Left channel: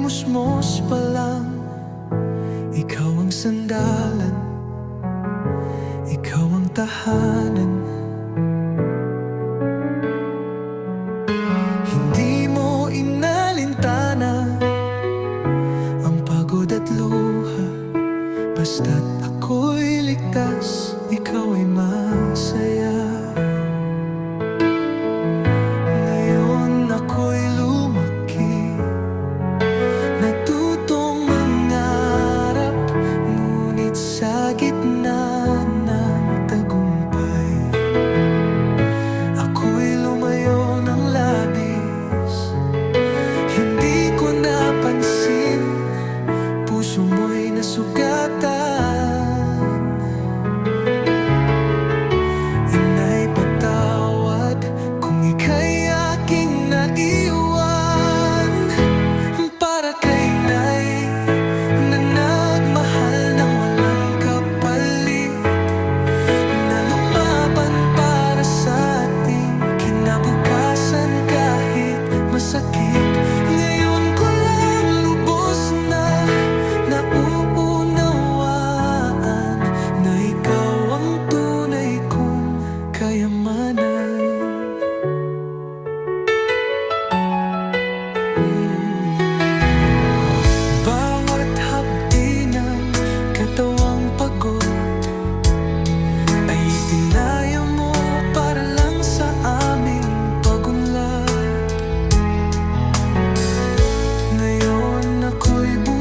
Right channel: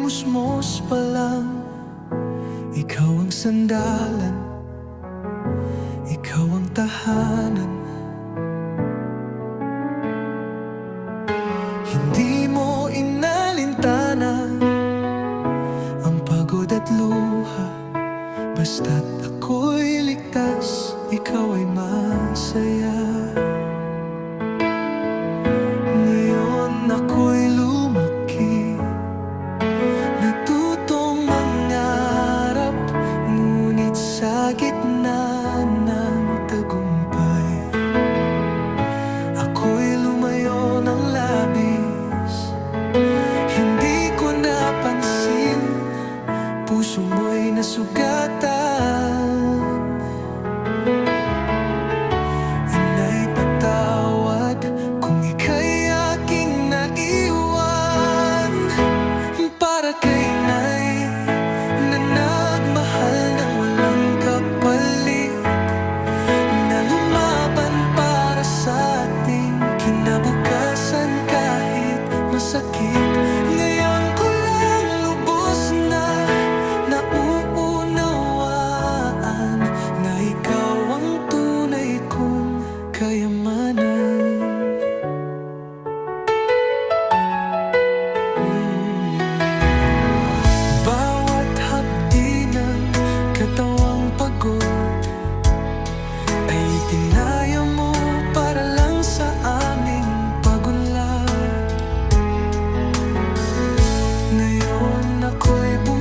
musmos pa lang. Ikaw ang sandalan. Ikaw ang tahanan. Hindi mo inalintana Ang pagod at luha. Basta't ako'y ligtas Ikaw ay masaya. Ngayon ako'y lumaki Ako'y lumayo ng labis. Hindi ko napansin Puso mo'y nasugatan. Inay patawad Kung ika'y aking naiwan. Para kay inay Na nagmahal ng walang kapalit. Na sa ating kinabukasan kahit masakit Ngayon ko lang lubos na nauunawaan Na ikaw ang tunay kong kayamanan Mm. Bawat hapdi ng katawang pagod Ay tinaya mo sa aming pagunlad. Ngayon ako'y bumabalik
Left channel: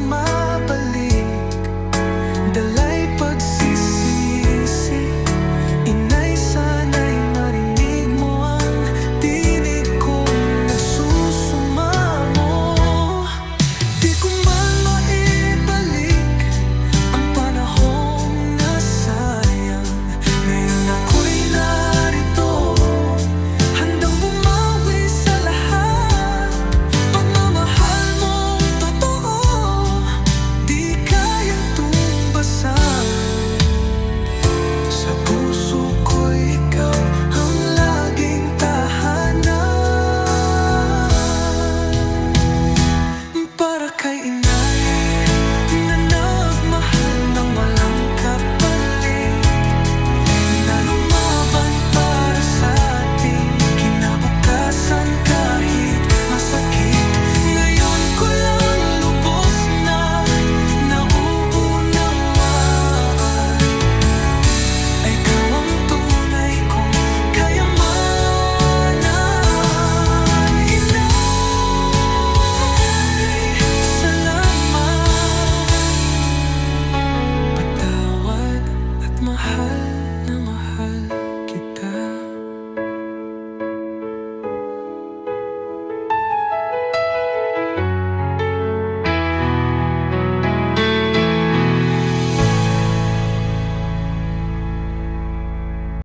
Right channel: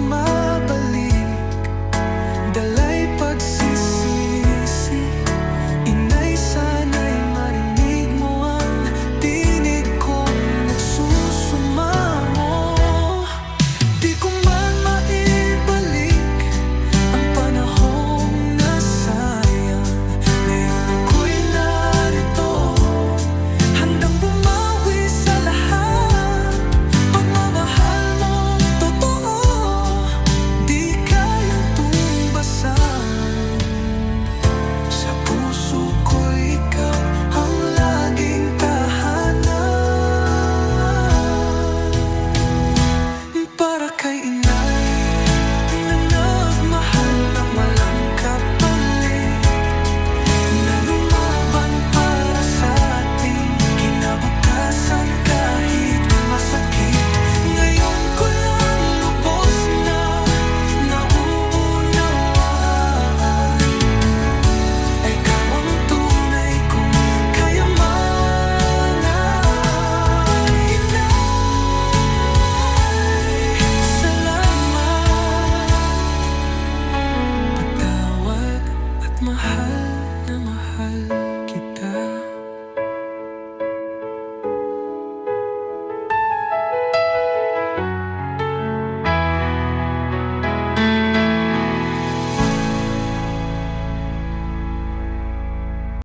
mahal na